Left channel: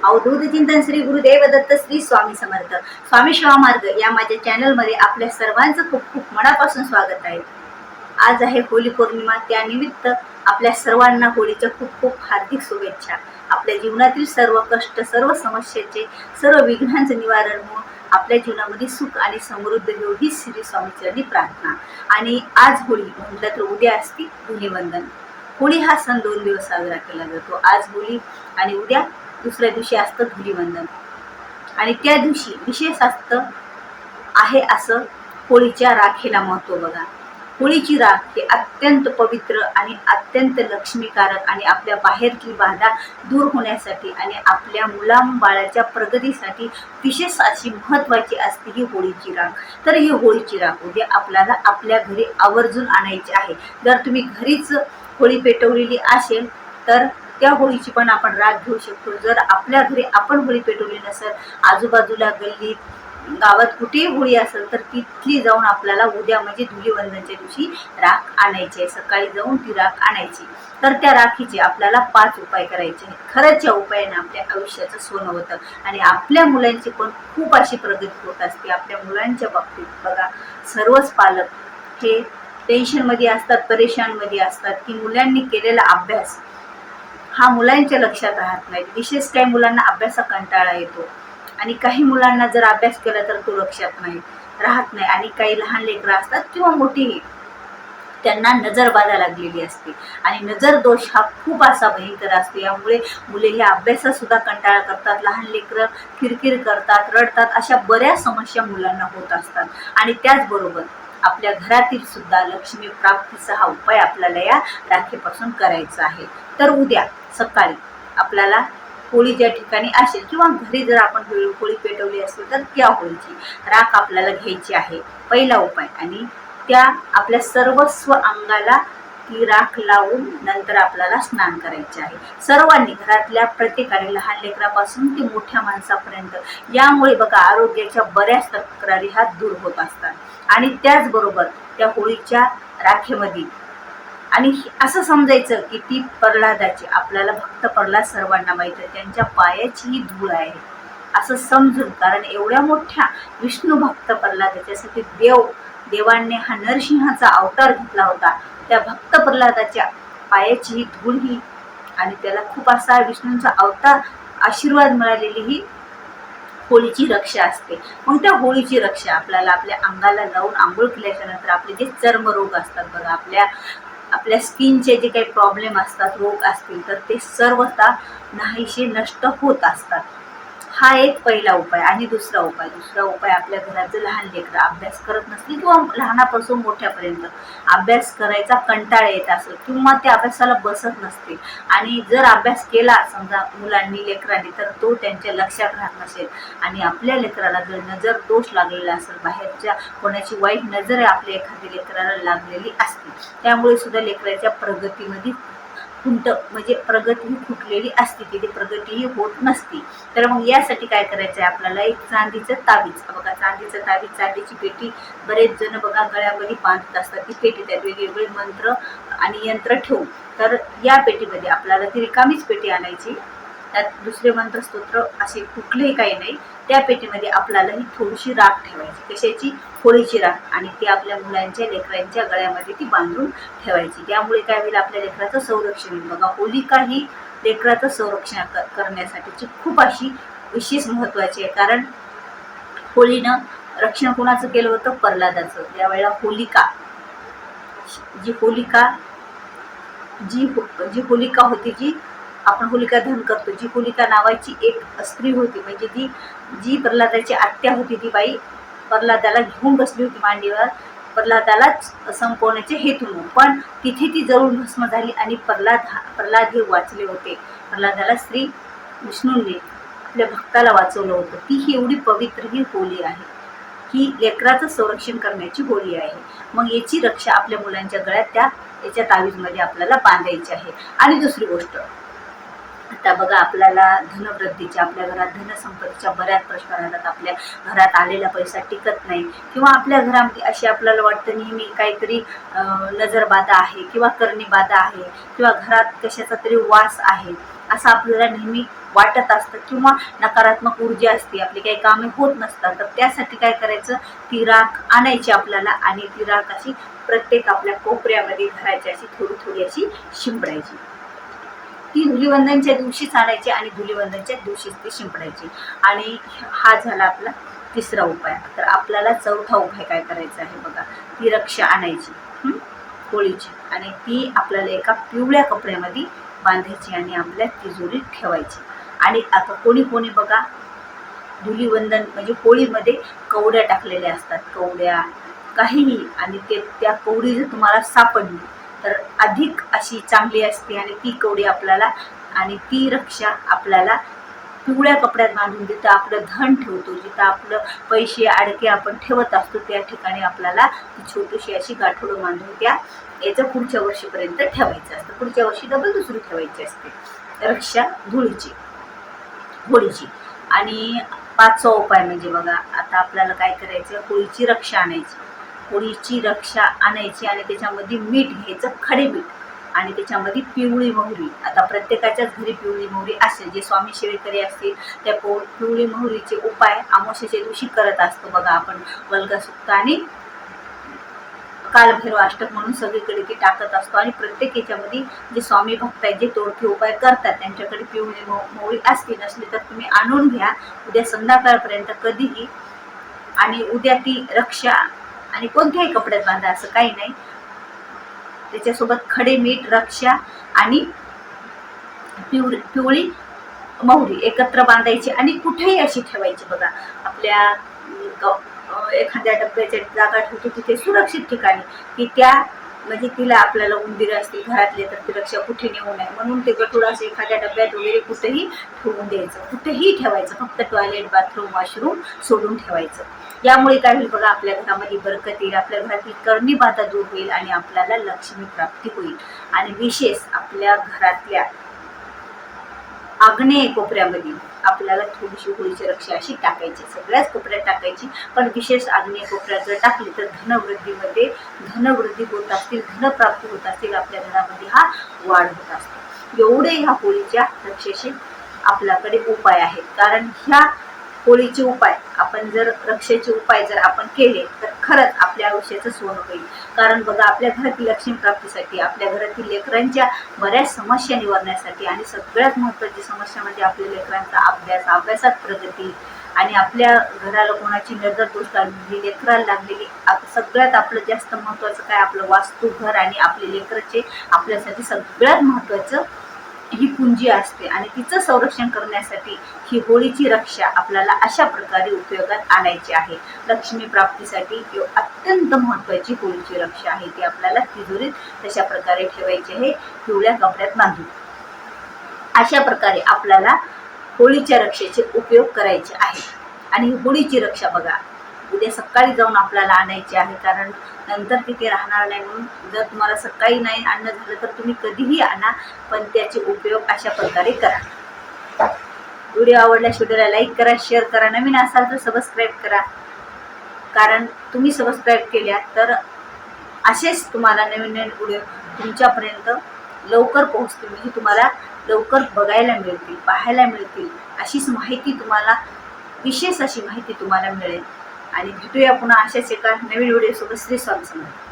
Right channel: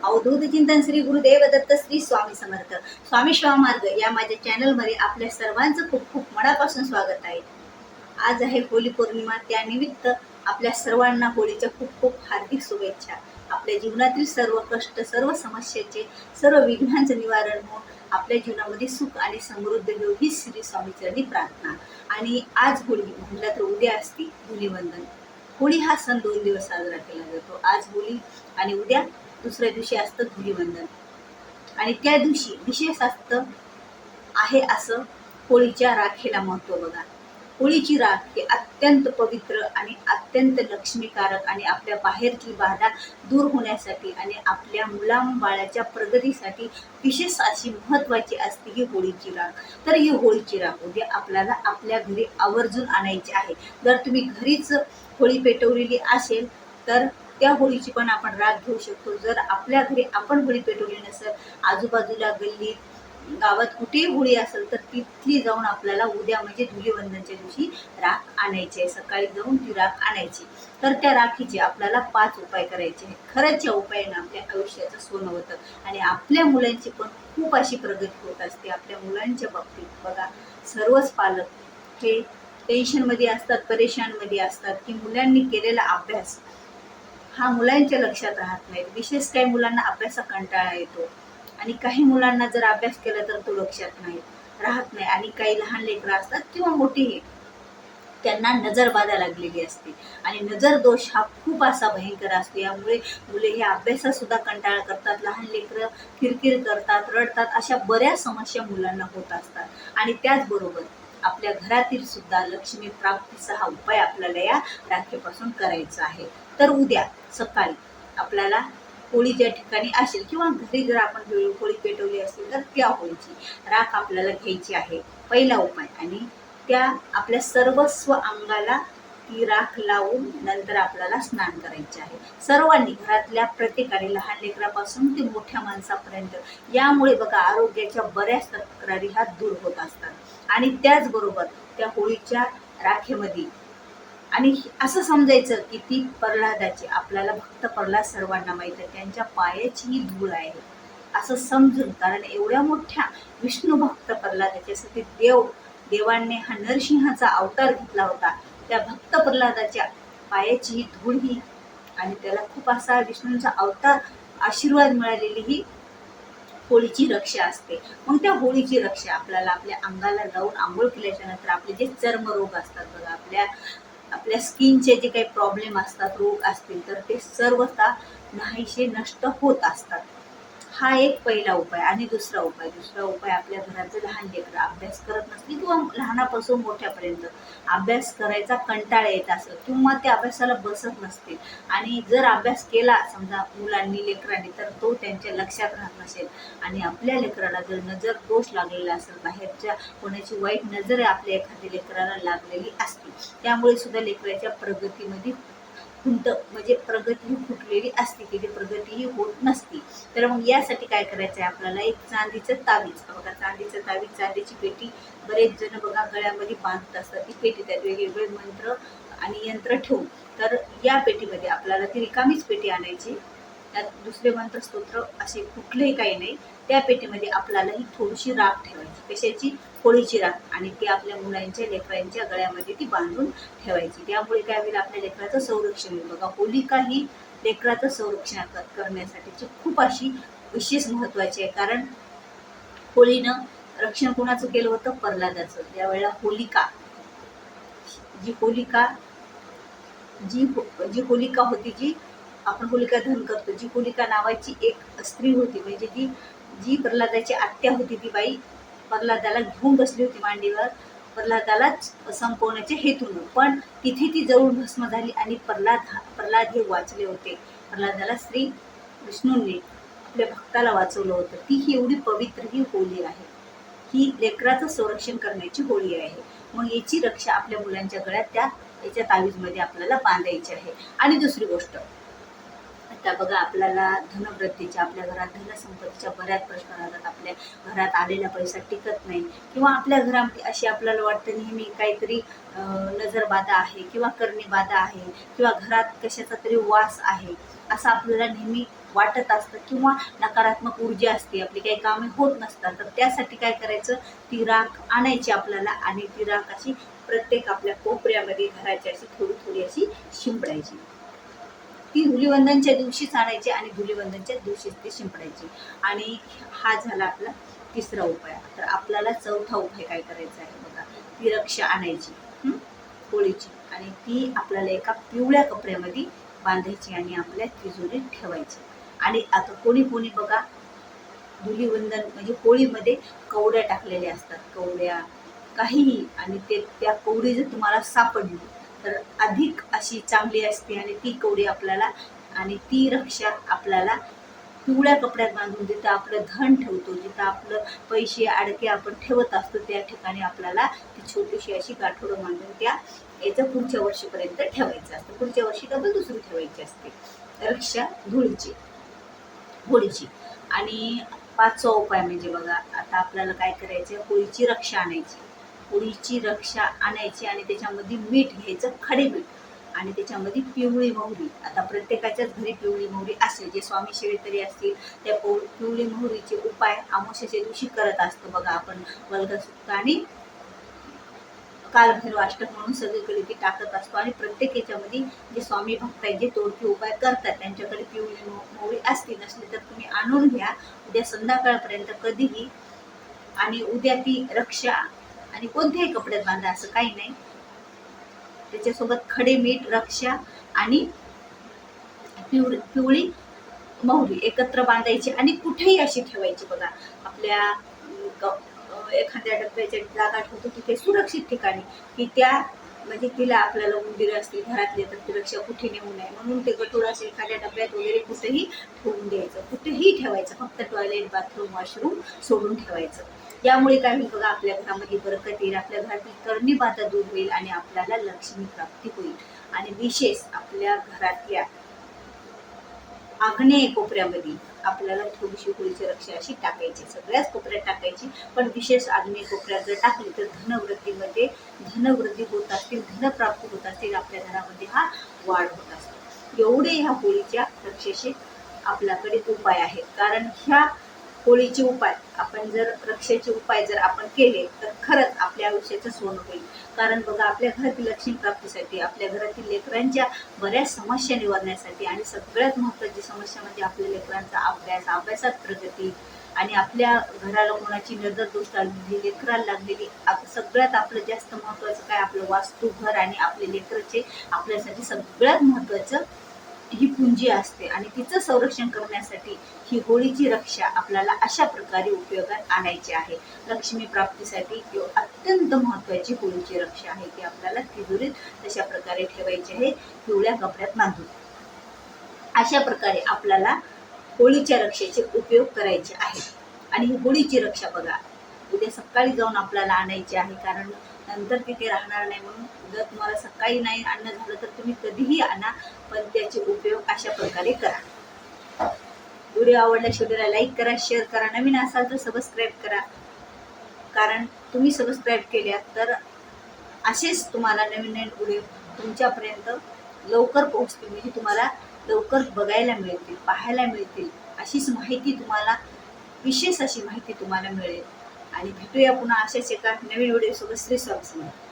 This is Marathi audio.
अवधूत चिंतन श्री गुरुदेव दत्त श्री स्वामी समर्थ स्वामी शिवा मार्ग या माझ्या चॅनलमध्ये आपल्या सर्वांचं खूप खूप मनापासून स्वागत आहे। आज आहे होली पौर्णिमा, त्यानिमित्त आपल्या सर्वांना होळीच्या खूप खूप हार्दिक शुभेच्छा। आपल्या जीवनातील सर्व कष्ट, सर्व समस्याचे, सर्व विघ्नांचे निवारण होऊन आपल्या जीवनामध्ये सुख आणि समृद्धी हो ही श्री स्वामीचरणी प्रार्थना। आणि आज होळी म्हटलं तर उद्या असते धुलीवंदन। होळी हा सण 2 दिवस साजरा केला जातो। आज होळी आणि उद्या दुसऱ्या दिवशी असतं धुलीवंदन। आणि त्या दिवशी विशेष असतं आहे असं होळीच्या राखेला महत्व बघा। होळीची राख ही अत्यंत पवित्र आणि अत्यंत लक्ष्मीकारक आणि आपल्या बाहेरची बाधा दूर होण्यासाठी आणि आपल्या मुलाबाळाच्या प्रगतीसाठी विशेष अशी महत्वाची असते ही होळीची राख। तर ही होळीची राख उद्या आपल्याला आपल्या घरी आवर्जून आणायची आहे। जर तुम्ही घरीच होळी पेटवलेली असेल तर त्या होळीची पण आपण राख घेऊ शकतो। जर आपल्या घरी आपण होळी पेटवली नसेल, आजूबाजूला गल्लीत गावात कुठेही होळी असेल तर तिथली जाऊन आपल्याला उद्या म्हणजे धुलीवंदनच्या दिवशी राख आणायची आहे। सकाळी जाऊन ती राख आणायची। तर त्या राखीचे आपल्याला 5 उपाय करायचे आहेत। खरंच या उपायाने आपल्या आयुष्याचं सोनं होतं आणि आपल्या मुलांची पण खूप अशी प्रगती होत असते। आपल्या मुलांच्या बाबतीत बघा, सर्वच पालक हे टेन्शनमध्ये असतात, परेशानमध्ये असतात की मुलांनी केलेला अभ्यास हा मुलांच्या लक्षात राहत नाही। विशेष काही मुलांना अभ्यासा कंटाळा येतो आणि काही मुलांना जर अभ्यास केला तर तो लक्षात राहत नाही। आणि काही लहान लेकरं असतात किंवा मोठीही, त्यांना नजरबाधा लागलेली असते आणि नजर दोष हा खूप असा भयंकर असतो। यामुळे मुले हे अभ्यासात सुद्धा कंटाळा करतात, लहान लेकरं किरकिर करतात, रडतात, अशा बऱ्याच समस्या मुलांना होत असतात। आणि त्याचबरोबर आपल्या घरातील सुद्धा लक्ष्मी प्राप्तीचा हा उपाय आपल्याला या राखीपासून करायचा आहे। तर उद्या सकाळी आपल्याला होळी ज्या ठिकाणी असेल किंवा घरी जर आपण होळी पेटवली असेल तर त्या होळीची राख आपल्याला घ्यायची आहे, पहिला उपाय। आणि त्या आपल्या सर्वस्व अंगाला ती राख लावून नंतर आपल्याला स्नान करायचे आहे। सर्वांनी, घरातल्या प्रत्येकाने, लहान लेकरापासून ते मोठ्या माणसापर्यंत। यामुळे बघा आरोग्याच्या बऱ्याच तक्रारी ह्या दूर होत असतात। आणि त्याचबरोबर त्या होळीच्या राखेमध्ये आणि असं समजायचं की ती प्रल्हादाची, आपल्याला भक्त प्रल्हाद सर्वांना माहित आहे, त्यांच्या पायाची ही धूळ आहे असं समजून, कारण एवढ्या मोठ्या विष्णू भक्त प्रल्हाद, त्याच्यासाठी देवांनी हा नरसिंहाचा अवतार घेतला होता। त्या भक्त प्रल्हादाच्या पायाची ही धूळ ही आणि त्याला खूप असा विष्णूंचा अवतार आशीर्वाद मिळालेली ही होळीची रक्षा असते। मग त्या होळीची रक्षा आपल्याला आपल्या अंगाला लावून आंघोळ केल्याच्या नंतर आपले जे चर्मरोग असतात बघा, आपल्या स्किनचे जे काही प्रॉब्लेम असतात, रोग असतील, तर ते सर्वता नाहीसे नष्ट होत असतात। हा एक पहिला उपाय। आणि दुसरा उपाय आपल्या घरात जर लहान लेकरं अभ्यास करत नसतील किंवा लहानापासून मोठ्यापर्यंत अभ्यास करायचा कंटाळा येत असेल किंवा त्या अभ्यासाला बसत नसते आणि जर अभ्यास केला समजा मुलांनी, लेकरांनी, तर तो त्यांच्या लक्षात राहत नसेल आणि आपल्या लेकराला जर नजर दोष लागलेला असेल, बाहेरच्या कोणाची वाईट नजर आपल्या एखाद्या लेकराला लागलेली असते, त्यामुळे सुद्धा लेकराच्या प्रगतीमध्ये म्हणजे प्रगती ही फुटलेली असते, तिथे प्रगतीही होत नसते। तर मग यासाठी काय करायचं आहे आपल्याला, एक चांदीचं तावीज बघा, चांदीचं तावीज, चांदीची पेटी बरेच जण बघा गळ्यामध्ये बांधत असतात। ती पेटी त्यात वेगवेगळे मंत्र आणि यंत्र ठेवून, तर या पेटीमध्ये आपल्याला ती रिकामीच पेटी आणायची, त्यात दुसरे मंत्र स्तोत्र असे कुठलेही काही नाही। त्या पेटीमध्ये आपल्याला ही थोडीशी राख ठेवायची, कशाची, होळीची राख, आणि ती आपल्या मुलांच्या, लेकरांच्या गळ्यामध्ये ती बांधून ठेवायची। त्यामुळे काय होईल, आपल्या लेकराचं संरक्षण होईल। बघा, होलिका ही लेकराचं संरक्षण करण्यासाठीची खूप अशी विशेष महत्वाची आहे, कारण होळीनं रक्षण कोणाचं केलं होतं, प्रल्हादाचं। त्यावेळेला जी होलिका होती, जी आपण होलिका दहन करतो, जी होलिका नावाची एक स्त्री होती, म्हणजे जी प्रल्हादाची आत्या होती, ती बाई प्रल्हादाला घेऊन बसली होती मांडीवर, प्रल्हादालाच संपवण्याचे हेतून, पण तिथे ती जळून भस्म झाली आणि प्रल्हाद हे वाचले होते। प्रल्हादाला श्री विष्णूंनी आपल्या भक्ताला वाचवलं होतं। ती ही एवढी पवित्र ही होळी आहे, ही लेकराचं संरक्षण करण्याची होळी आहे। मग याची रक्षा आपल्या मुलांच्या गळ्यात याच्या तावीजमध्ये आपल्याला बांधायची आहे। आणि दुसरी गोष्ट, आता बघा आपल्याला धनवृद्धीच्या, आपल्या घरात धनसंपत्तीच्या बऱ्याच प्रश्न राहतात, आपल्या घरात आलेला पैसा टिकत नाही किंवा आपल्या घरामध्ये अशी आपल्याला वाटतं नेहमी काहीतरी नजरबाधा आहे किंवा करणीबाधा आहे किंवा घरात कशाचा तरी वास आहे, असं आपल्याला नेहमी वाटत असतं किंवा नकारात्मक ऊर्जा असते, आपली काही कामे होत नसतात, तर त्यासाठी काय करायचं, ती राख आणायची आपल्याला आणि ती राख अशी प्रत्येक आपल्या कोपऱ्यामध्ये घराची अशी थोडी थोडी अशी शिंपडायची. ती धुलीवंदनच्या दिवशीच आणायची आणि धुलीवंदनच्या दिवशीच ती शिंपडायची. आणि हा झाला आपला तिसरा उपाय. तर आपल्याला चौथा उपाय काय करायचा आहे बघा, ती रक्षा आणायची होळीची आणि ती आपल्याला एका पिवळ्या कपड्यामध्ये बांधायची आणि आपल्या तिजोरीत ठेवायची. आणि आता कोणी कोणी बघा धुलीवंदन म्हणजे होळीमध्ये कवड्या टाकलेल्या असतात, कवड्या काहीही, आणि ते त्या कवडी जर तुम्हाला सापडली तर अधिक अशी चांगली असते आणि ती कवडी आपल्याला आणि ती रक्षा आपल्याला पिवळ्या कपड्यात बांधून जिथं आपलं धन ठेवतो, जिथं आपलं पैसे अडके आपण ठेवत असतो त्या ठिकाणी आपल्याला ती छोटीशी अशी गाठोडं बांधून त्या याचं पुढच्या वर्षीपर्यंत ठेवायचं असतं. पुढच्या वर्षी डबल दुसरी ठेवायची असते रक्षा होळीची. आणि पाचवा उपाय म्हणजे बघा, आता आपल्याला काय करायचं, होळीची रक्षा आणायची. होळीची रक्षा आणायची आणि त्याच्यामध्ये मीठ घ्यायचं, खडे मीठ, आणि त्याच्यामध्ये पिवळी मोहरी. आता प्रत्येकाच्याच घरी पिवळी मोहरी असेल, जे स्वामी सेवेकरी असतील त्या पिवळी मोहरीचे उपाय अमावस्येच्या दिवशी करत असतो बघा आपण. वल्गसुक्त आणि कालभैरव अष्टक म्हणून सगळीकडे ती टाकत असतो आणि प्रत्येक याच्यामध्ये जे स्वामी भक्त आहेत, जे तोडके उपाय करतात, त्यांच्याकडे पिवळी मोहरी असली नसली तर तुम्ही आणून घ्या उद्या संध्याकाळपर्यंत कधीही. आणि उद्या ती रक्षा आणि कोणत्याही कपड्यात बांधा, असं काही नाही. त्याच्यासोबत खडे मीठ, रक्षा आणि पिवळी मोहरी एकत्र बांधायची आणि कुठेही अशी ठेवायची बघा. आपल्या एखाद्या डब्याच्या जागा ठेवतो तिथे सुरक्षित ठिकाणी, की त्या म्हणजे तिला आपल्याला उंदीर असतील घरातले तर ती रक्षा कुठे नेऊ नये म्हणून ते गठुडं असं एखाद्या डब्यात वगैरे कुठेही ठेवून द्यायचं, कुठेही ठेवायचं, फक्त टॉयलेट, बाथरूम, वॉशरूम सोडून ठेवायचं. यामुळे काय होईल बघा, आपल्या घरामध्ये बरकत येईल, आपल्या घरातील करणी बाधा दूर होईल आणि आपल्याला लक्ष्मी प्राप्ती होईल. आणि विशेष आपल्या घरातल्या आग्नेय कोपऱ्यामध्ये आपल्याला थोडीशी होळीची रक्षा अशी टाकायची, सगळ्याच कोपऱ्यात टाकायची, पण विशेष आग्नेय कोपऱ्यात जर टाकली तर धनवृद्धी होत असतील, धनप्राप्ती होत असतील, आपल्या घरामध्ये हा वाढ होत असतो. एवढे ह्या होळीच्या रक्षेचे आपल्याकडे उपाय आहेत. कारण ह्या होळीचे उपाय आपण जर रक्षेचे उपाय जर आपण केले तर खरंच आपल्या आयुष्याचं सोनं होईल. कारण बघा, आपल्या घरातील लक्ष्मी प्राप्तीसाठी, आपल्या घरातील लेकरांच्या बऱ्याच समस्या निवारण्यासाठी आणि सगळ्यात महत्त्वाची समस्या म्हणजे आपल्या लेकरांचा अभ्यासात प्रगती आणि आपल्या घराला कोणाची नजर दोष लागलेली, लेकराला लागलेली, सगळ्यात आपलं जास्त महत्त्वाचं काय, आपलं वास्तू घर आणि आपले लेकराचे आपल्यासाठी सगळ्यात महत्त्वाचं ही पुंजी असते. आणि तिचं संरक्षण करण्यासाठी ही होळीची रक्षा आपल्याला अशा प्रकारे उपयोगात आणायची आहे. लक्ष्मी प्राप्तीसाठी अत्यंत महत्त्वाची होळीची रक्षा आहे, ती आपल्याला तिजोरीत तशा प्रकारे ठेवायची आहे, पिवळ्या कपड्यात बांधून. अशा प्रकारे आपल्याला होळीच्या रक्षेचे उपयोग करायचे आहे. आणि होळीची रक्षा बघा उद्या सकाळी जाऊन आपल्याला आणायची आहे, कारण नंतर तिथे राहणार नाही. म्हणून जर तुम्हाला सकाळी नाही आणणं झालं तर तुम्ही कधीही आणा, पण त्याचे उपयोग अशा प्रकारे करा. व्हिडिओ आवडल्यास व्हिडिओला लाईक करा, शेअर करा, नवीन असाल तर सबस्क्राईब करा. कारण तुम्ही सबस्क्राईब केल्या तर असेच तुम्हाला नवीन नवीन व्हिडिओ तुमच्यापर्यंत लवकर पोहोचतील, म्हणजे तुम्हाला लवकर बघायला मिळतील, पाहायला मिळतील. अशीच माहिती तुम्हाला, विशेष अशी माहिती तुम्हाला मिळेल. आणि भेटूया पुन्हा अशाच एका नवीन व्हिडिओ सोबत. श्री स्वामी समर्थ.